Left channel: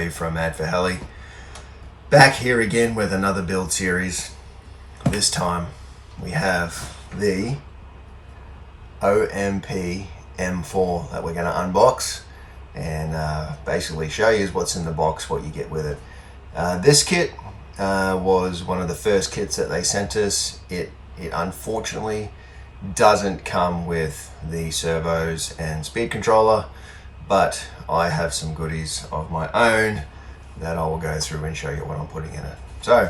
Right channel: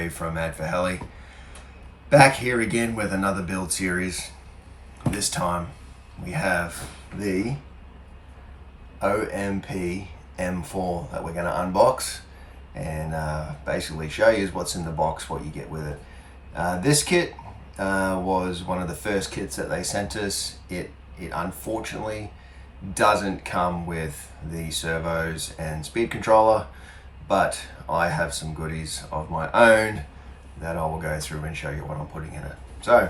Dave from Ad for Heli. Back here again with another build series. This time we have the OMP M4 that we're going to unbox and basically show you what's in the box, what you get with it. This kit was one of the first kits that they sent us. It unfortunately doesn't come with the servos and speed controller, but I have some goodies of my own that I will go through and show you what I'm putting in it. So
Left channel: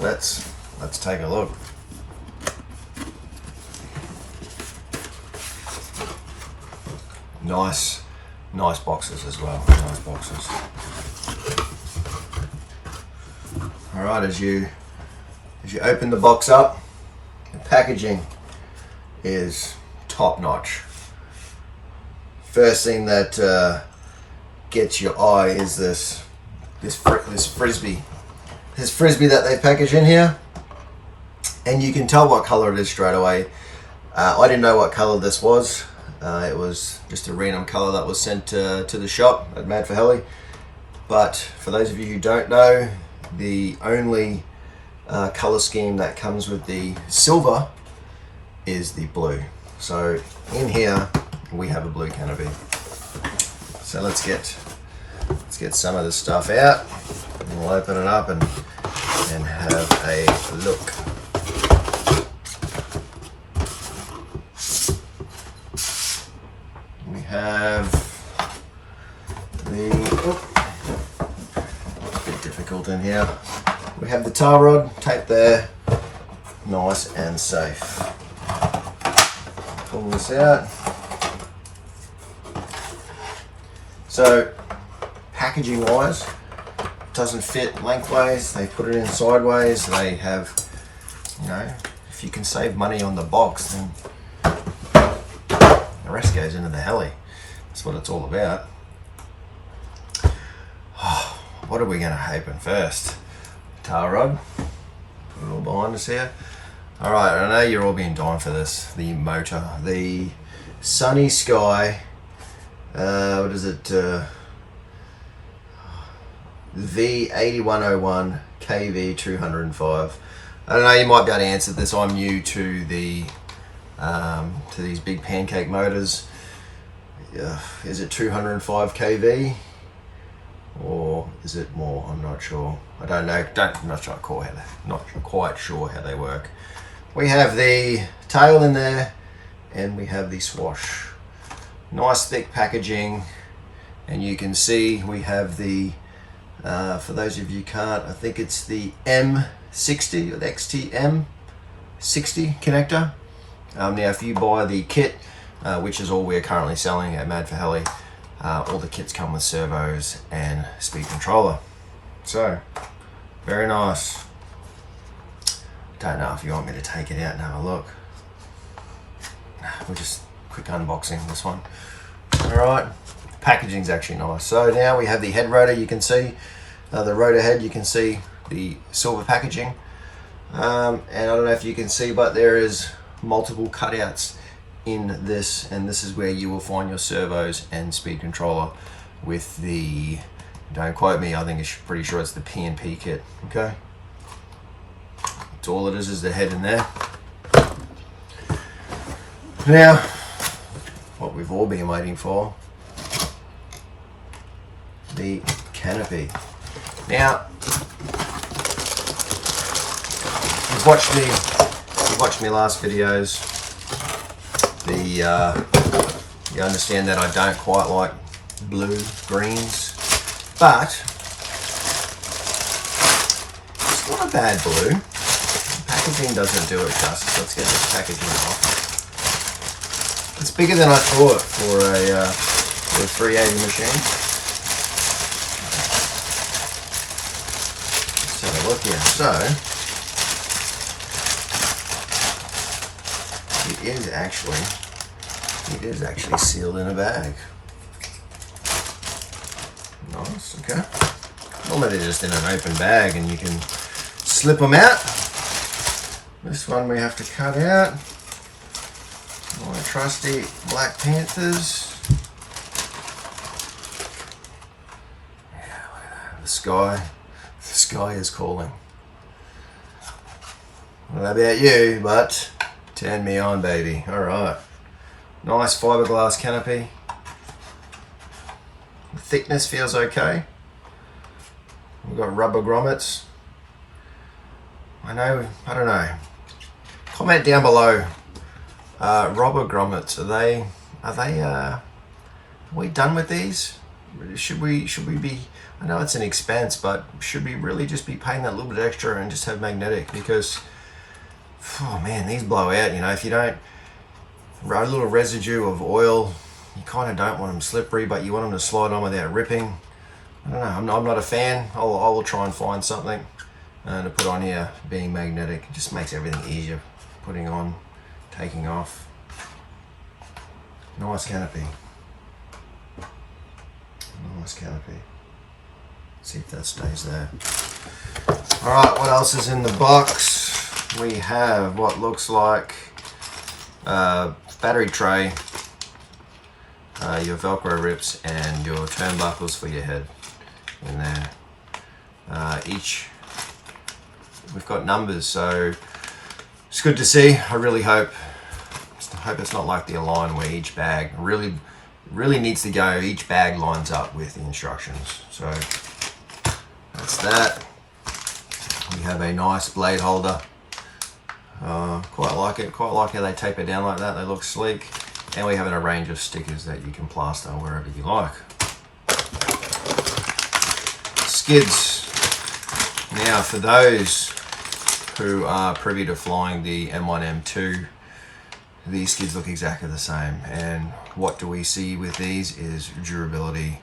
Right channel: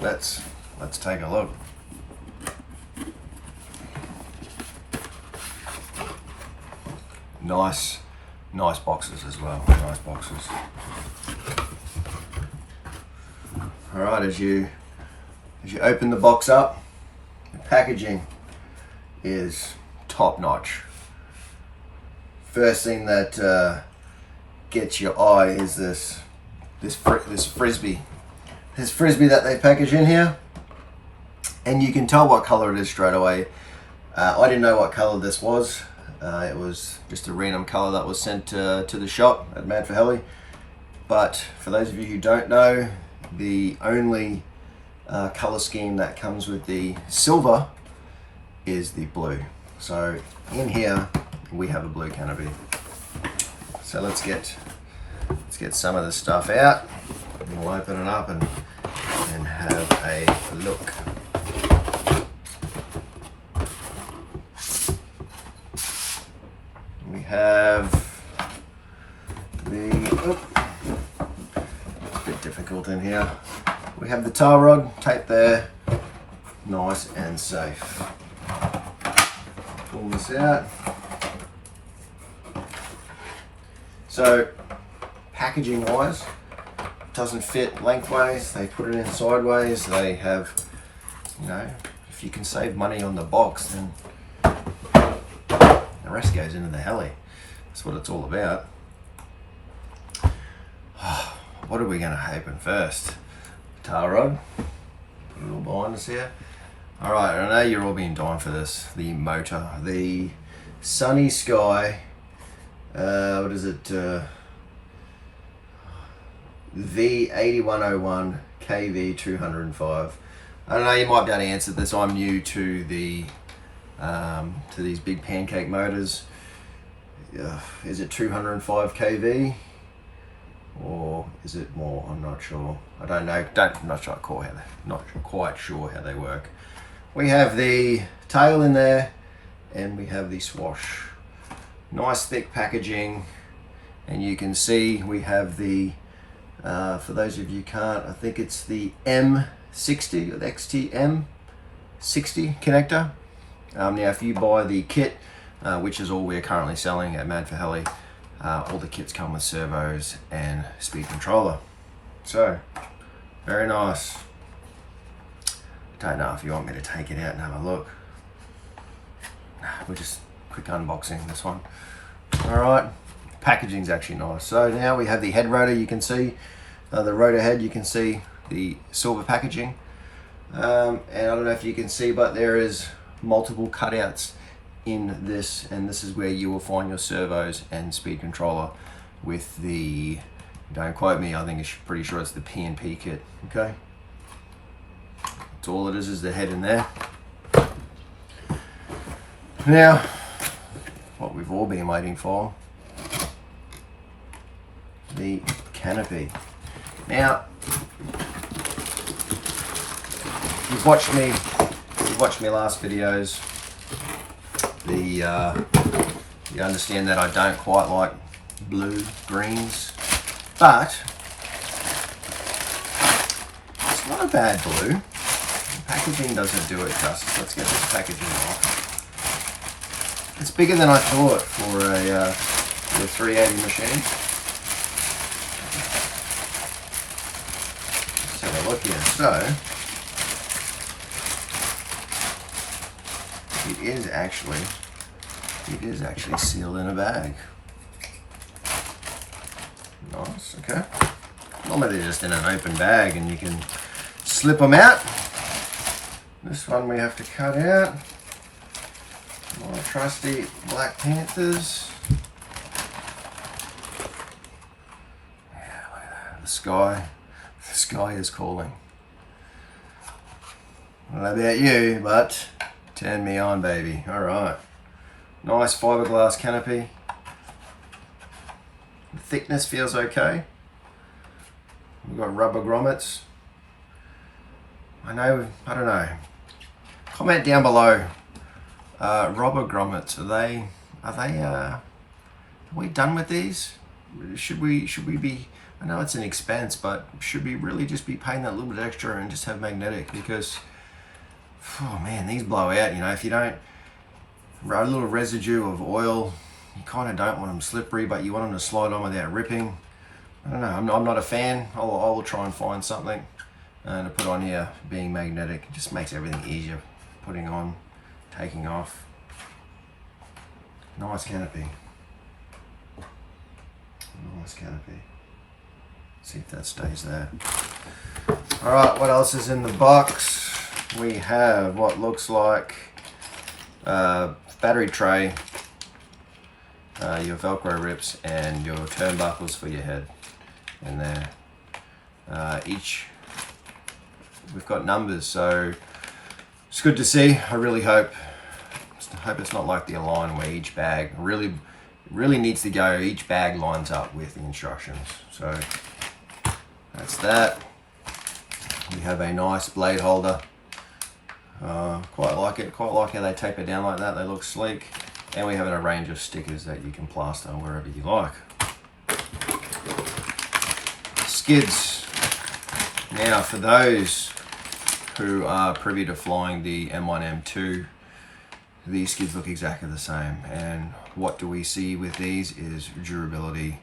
let's take a look. Nice boxes as well. Nice boxes. All right, as you open the box up, the packaging is top notch. First thing that gets your eye is this frisbee. This frisbee that they package in here, and you can tell what color it is straight away. I didn't know what color this was. It was just a random color that was sent to the shop at Mad for Heli. But for those of you who don't know, the only color scheme that comes with the silver is the blue. So in here we have a blue Canopy. So let's get some of this stuff out, and we'll open it up and have a look. We have it's a bit difficult in here. We have the tar rod taped there, nice and safe. Pull this out. So packaging wise, it doesn't fit lengthways. They put it in sideways. They have, you know, if you can save money on the box, then the rest goes into the heli. That's what it's all about. What are we going to open first? Tar rod. Put it all behind us here. Alright, I know you're all being dying for this. The motor. The Sunny Sky. What is it? V8101 KV205. I don't know, you might be able to answer this. I'm new to the to these big pancake motors. Is it 205 kV or is it more? I'm not sure. I don't know. Not quite sure how they work. We have the tail in there, and we have the swash. Nice thick packaging, and you can see we have the for those of you who can't, I think it's the M60 or the XT-M60 connector. Now if you buy the kit, which is all we're currently selling at Mad for Heli, all the kits come with servos and speed controller. So very nice. Don't know if you want me to take it out and have a look. We'll just quick unboxing this one. All right, packaging's actually nice. So now we have the head rotor. You can see the rotor head. You can see the silver packaging, and I don't know if you can see, but there is multiple cutouts in this, and this is where you will find your servos and speed controller with the, don't quote me, I think it's pretty sure it's the P&P kit. Okay, that's all it is the head in there. Now what we've all been waiting for, the Canopy. Now you've watched me last videos. You understand that I don't quite like blue greens, but it's not a bad blue. The packaging doesn't do it justice. Let's get this packaging off. It's bigger than I thought for a 380 machine. Let's have a look here. So it is actually sealed in a bag. Nice. Okay. Normally they're just in an open bag and you can slip them out. This one we have to cut out. My trusty Black Panthers. The sky is calling. I don't know about you, but turn me on, baby. All right. Nice fiberglass canopy. The thickness feels okay. We've got rubber grommets. I don't know. Comment down below. Rubber grommets, are we done with these? Should we be, I know it's an expense, but should we really just be paying that little bit extra and just have magnetic? Because, oh man, these blow out, you know, if you don't, a little residue of oil, you kind of don't want them slippery, but you want them to slide on without ripping. I don't know, I'm not a fan. I will try and find something to put on here being magnetic. It just makes everything easier putting on, taking off. Nice canopy. Nice canopy. See if that stays there. All right, what else is in the box? We have what looks like battery tray, your Velcro rips, and your turnbuckles for your head in there. We've got numbers, so it's good to see. I really hope it's not like the Align where each bag really needs to go, each bag lines up with the instructions. So that's that. We have a nice blade holder. Quite like it, quite like how they tape it down like that. They look sleek. And we have a range of stickers that you can plaster wherever you like. Skids. Now for those who are privy to flying the M1, M2, these skids look exactly the same. And what do we see with these is durability.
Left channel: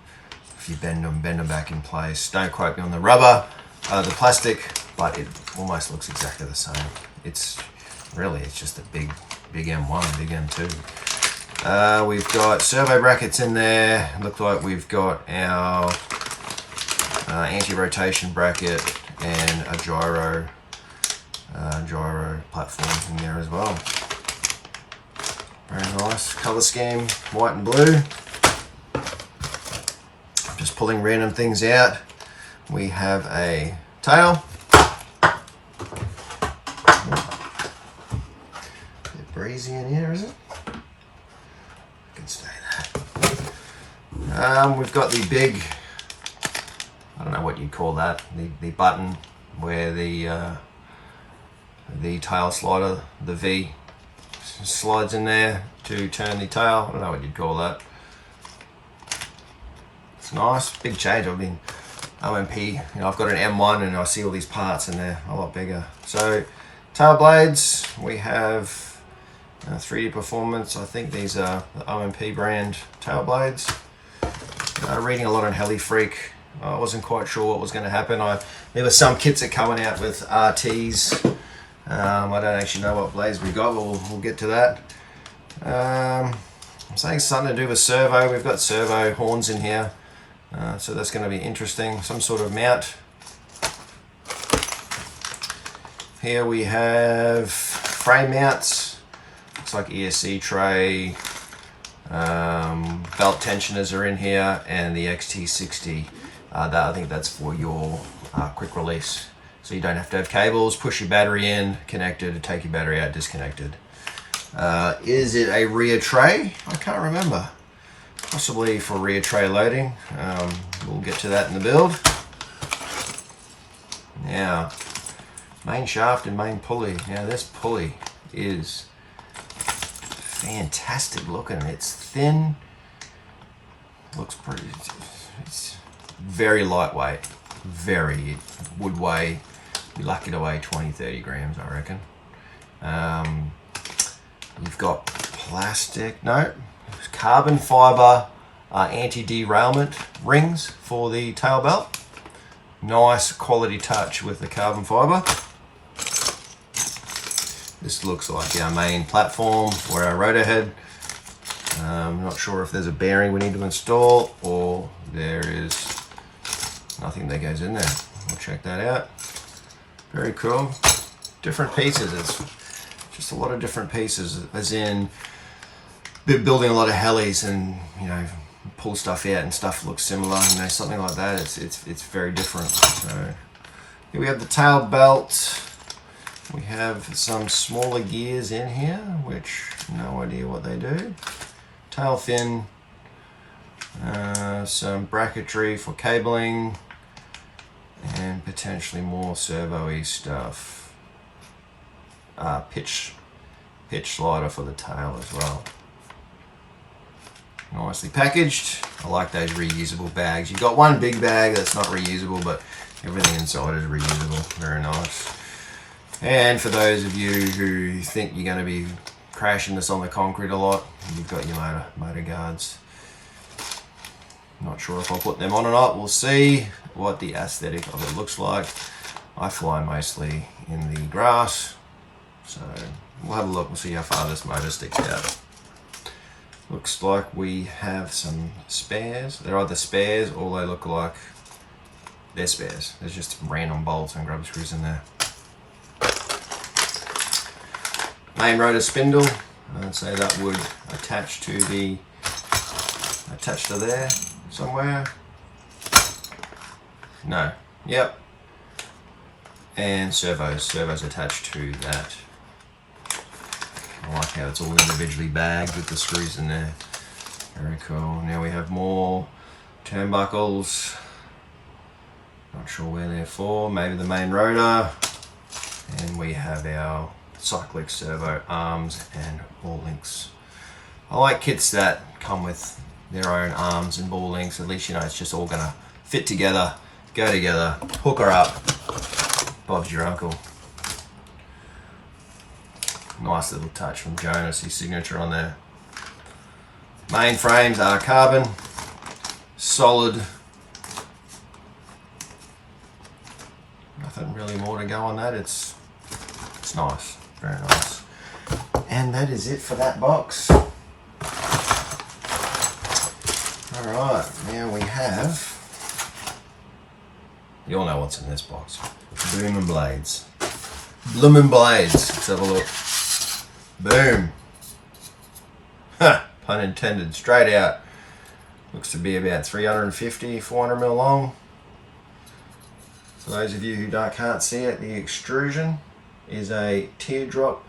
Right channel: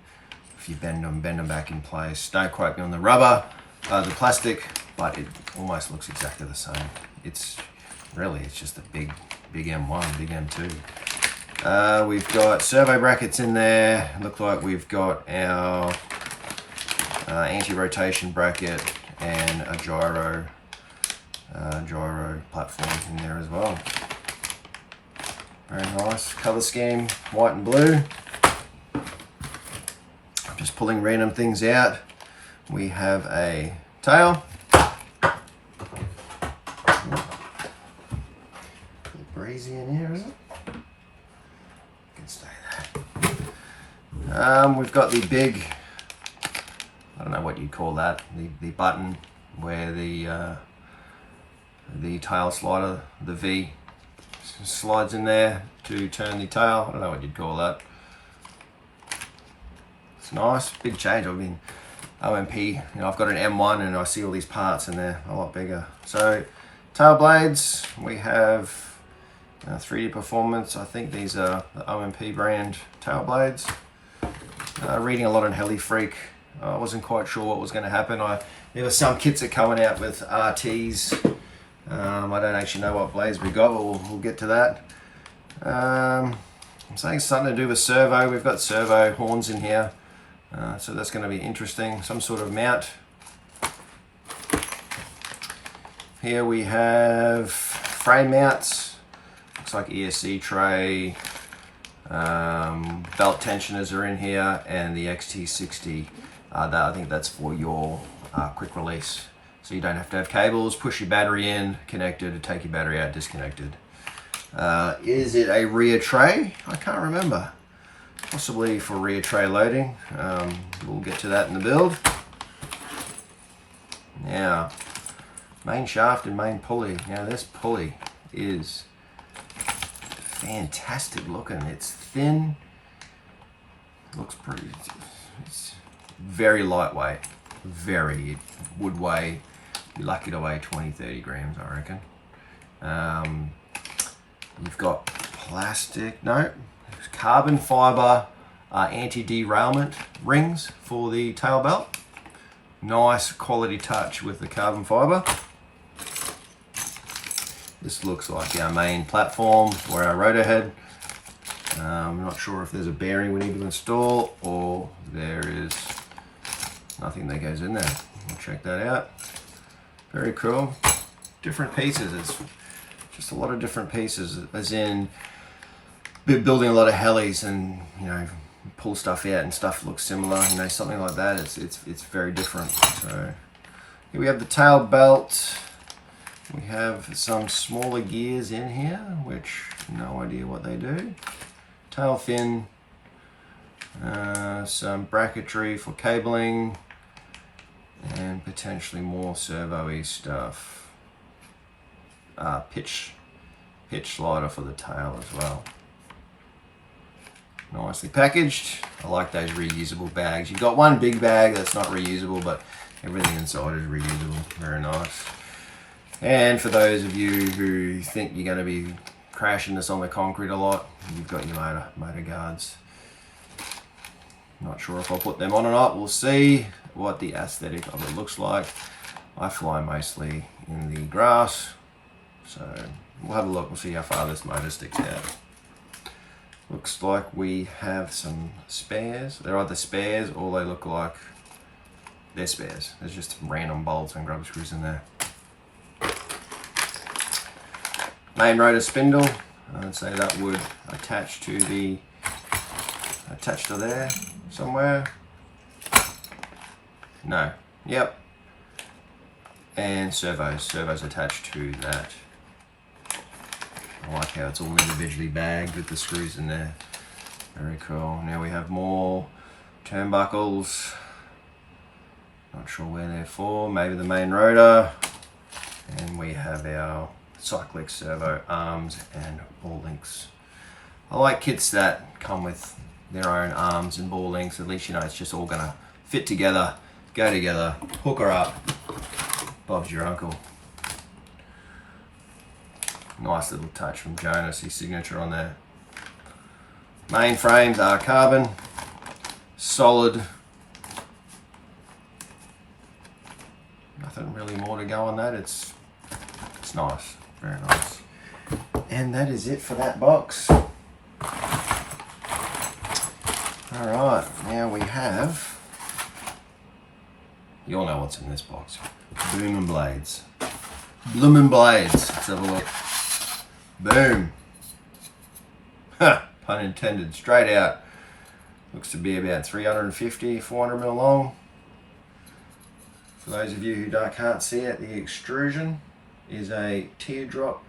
If you bend them back in place. Don't quote me on the rubber, the plastic, but it almost looks exactly the same. It's just a big M1, big M2. We've got servo brackets in there. Look like we've got our anti-rotation bracket and a gyro platform in there as well. Very nice color scheme, white and blue. I'm just pulling random things out. We have a tail. Bit breezy in here, is it? Can stay there. We've got the big, I don't know what you'd call that, the button where the tail slider, the V, slides in there to turn the tail. I don't know what you'd call that. It's nice, big change. I mean, OMP, you know, I've got an M1 and I see all these parts and they're a lot bigger. So, tail blades, we have 3D Performance. I think these are the OMP brand tail blades. Reading a lot on Heli Freak. I wasn't quite sure what was going to happen. There were some kits that coming out with RTs. I don't actually know what blades we got, but we'll get to that. I'm saying something to do with servo. We've got servo horns in here, so that's going to be interesting. Some sort of mount. Here we have frame mounts. Looks like ESC tray. Belt tensioners are in here, and the XT60. I think that's for your quick release. So you don't have to have cables, push your battery in, connected, take your battery out, disconnected. Is it a rear tray? I can't remember. Possibly for rear tray loading. We'll get to that in the build. Now, main shaft and main pulley. Now this pulley is fantastic looking. It's thin. Looks pretty, it's very lightweight. Very, it would weigh, be lucky to weigh 20-30 grams, I reckon. You've got plastic, no, carbon fiber anti-derailment rings for the tail belt. Nice quality touch with the carbon fiber. This looks like our main platform for our rotor head. I'm not sure if there's a bearing we need to install or there is nothing that goes in there. We'll check that out. Very cool. Different pieces. It's just a lot of different pieces, as in building a lot of helis and, you know, pull stuff out and stuff looks similar, you know, something like that. It's very different. So here we have the tail belt. We have some smaller gears in here, which no idea what they do. Tail fin, some bracketry for cabling, and potentially more servo-y stuff. Pitch slider for the tail as well. Nicely packaged. I like those reusable bags. You've got one big bag that's not reusable, but everything inside is reusable. Very nice. And for those of you who think you're going to be crashing this on the concrete a lot, you've got your motor guards. Not sure if I'll put them on or not. We'll see what the aesthetic of it looks like. I fly mostly in the grass, so we'll have a look. We'll see how far this motor sticks out. Looks like we have some spares. They're either spares or they look like they're spares. There's just random bolts and grub screws in there. Main rotor spindle. I'd say that would attach to there somewhere. No. Yep. And servos attached to that. I like how it's all individually bagged with the screws in there. Very cool. Now we have more turnbuckles. Not sure where they're for. Maybe the main rotor. And we have our cyclic servo arms and ball links. I like kits that come with their own arms and ball links. At least you know it's just all gonna fit together, go together, hook her up. Bob's your uncle. Nice little touch from Jonas, his signature on there. Main frames are carbon, solid. Nothing really more to go on that. It's nice, very nice. And that is it for that box. All right, now we have, you all know what's in this box. Bloomin' blades. Bloomin' blades. Let's have a look. Boom. Ha, pun intended, straight out. Looks to be about 350, 400 mil long. For those of you who can't see it, the extrusion is a teardrop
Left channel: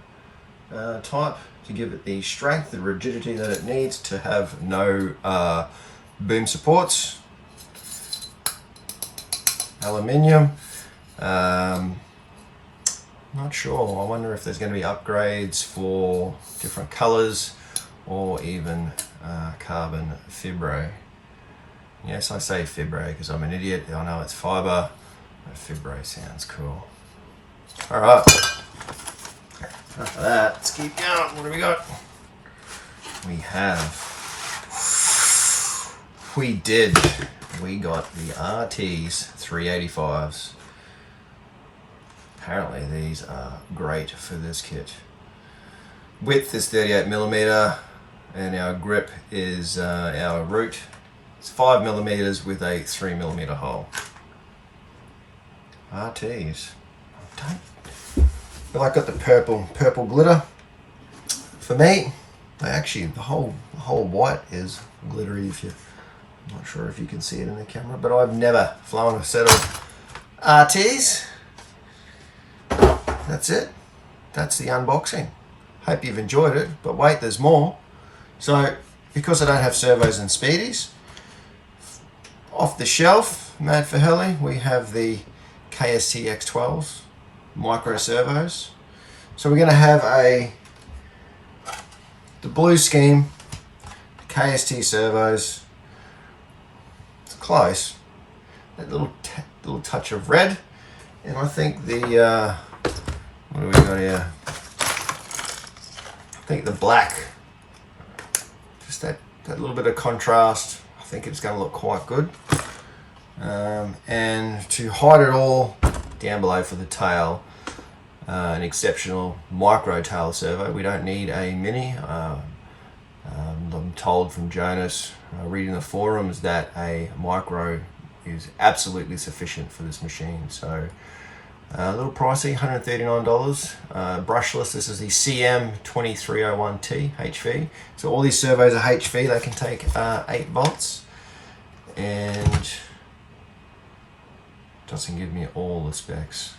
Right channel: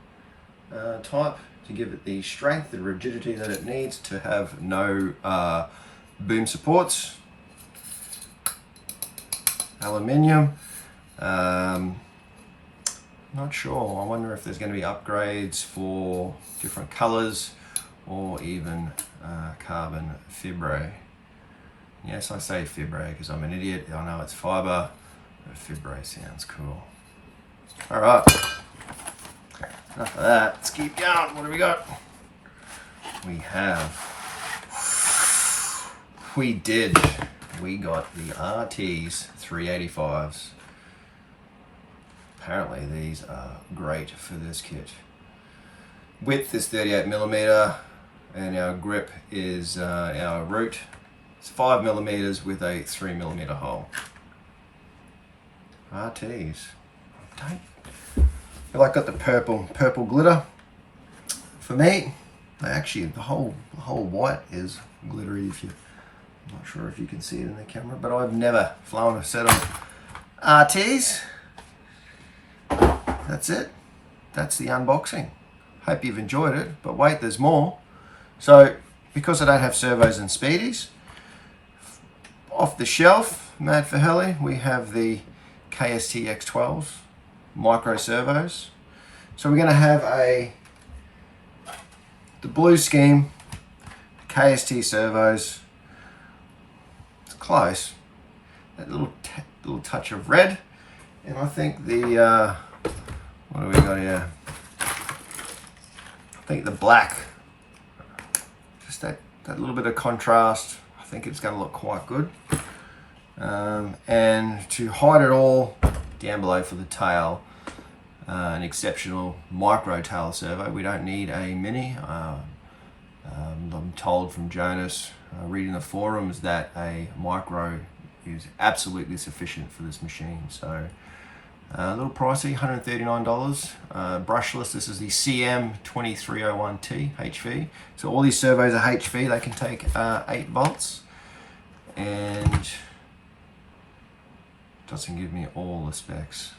type to give it the strength, the rigidity that it needs to have no boom supports. Aluminium. Not sure. I wonder if there's going to be upgrades for different colors or even carbon fibre. Yes, I say fibre because I'm an idiot. I know it's fibre. Fibre sounds cool. All right. Enough of that. Let's keep going. What do we got? We got the RT's 385s. Apparently these are great for this kit. Width is 38mm and our grip is our root. It's 5mm with a 3mm hole. RT's. I feel like I got the purple glitter. For me, actually the whole white is glittery. I'm not sure if you can see it in the camera, but I've never flown a set of RT's. That's it. That's the unboxing. Hope you've enjoyed it, but wait, there's more. So, because I don't have servos and speedies, off the shelf, Mad for Heli, we have the KST X12s, micro servos. So we're gonna have the blue scheme, the KST servos. It's close. That little touch of red, and I think the what do we got here? I think the black, just that little bit of contrast. I think it's going to look quite good. And to hide it all, down below for the tail, an exceptional micro tail servo. We don't need a mini. I'm told from Jonas, reading the forums, that a micro is absolutely sufficient for this machine. So A little pricey, $139. Brushless, this is the CM2301T HV. So all these servos are HV, they can take 8 volts. And doesn't give me all the specs.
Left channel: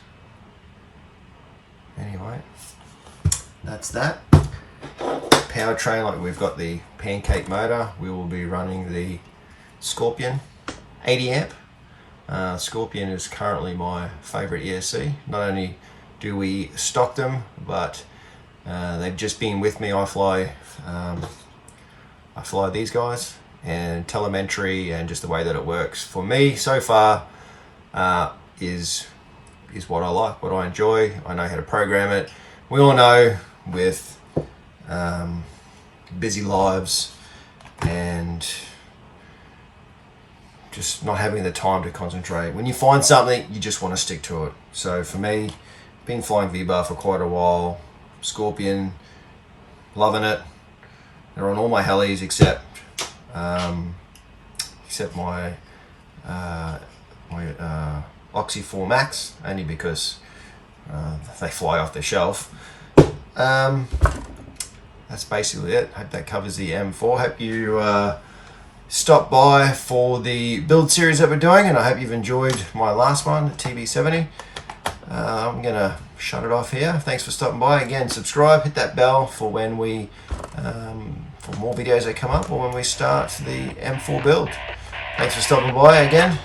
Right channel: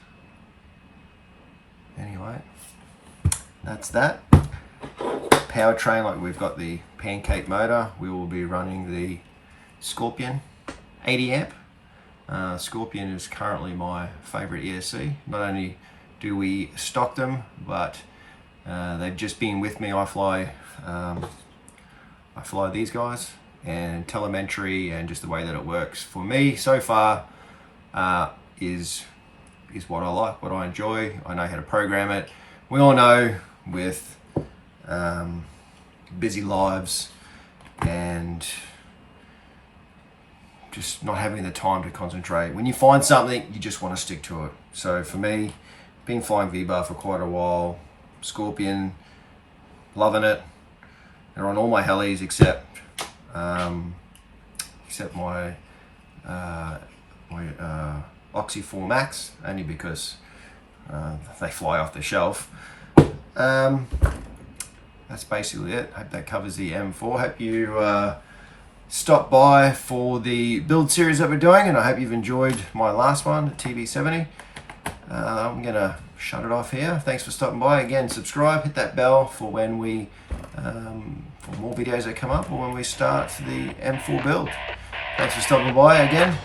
Anyway, that's that. Powertrain, like we've got the pancake motor, we will be running the Scorpion 80 amp. Scorpion is currently my favorite ESC. Not only do we stock them, but they've just been with me. I fly these guys, and telemetry and just the way that it works for me so far is what I like, what I enjoy. I know how to program it. We all know with busy lives and just not having the time to concentrate. When you find something, you just want to stick to it. So for me, been flying V-Bar for quite a while. Scorpion, loving it. They're on all my helis except my Oxy 4 Max, only because they fly off the shelf. That's basically it. Hope that covers the M4. Hope you stop by for the build series that we're doing, and I hope you've enjoyed my last one, the TB70. I'm gonna shut it off here. Thanks for stopping by. Again, subscribe, hit that bell for when we for more videos that come up or when we start the M4 build. Thanks for stopping by again.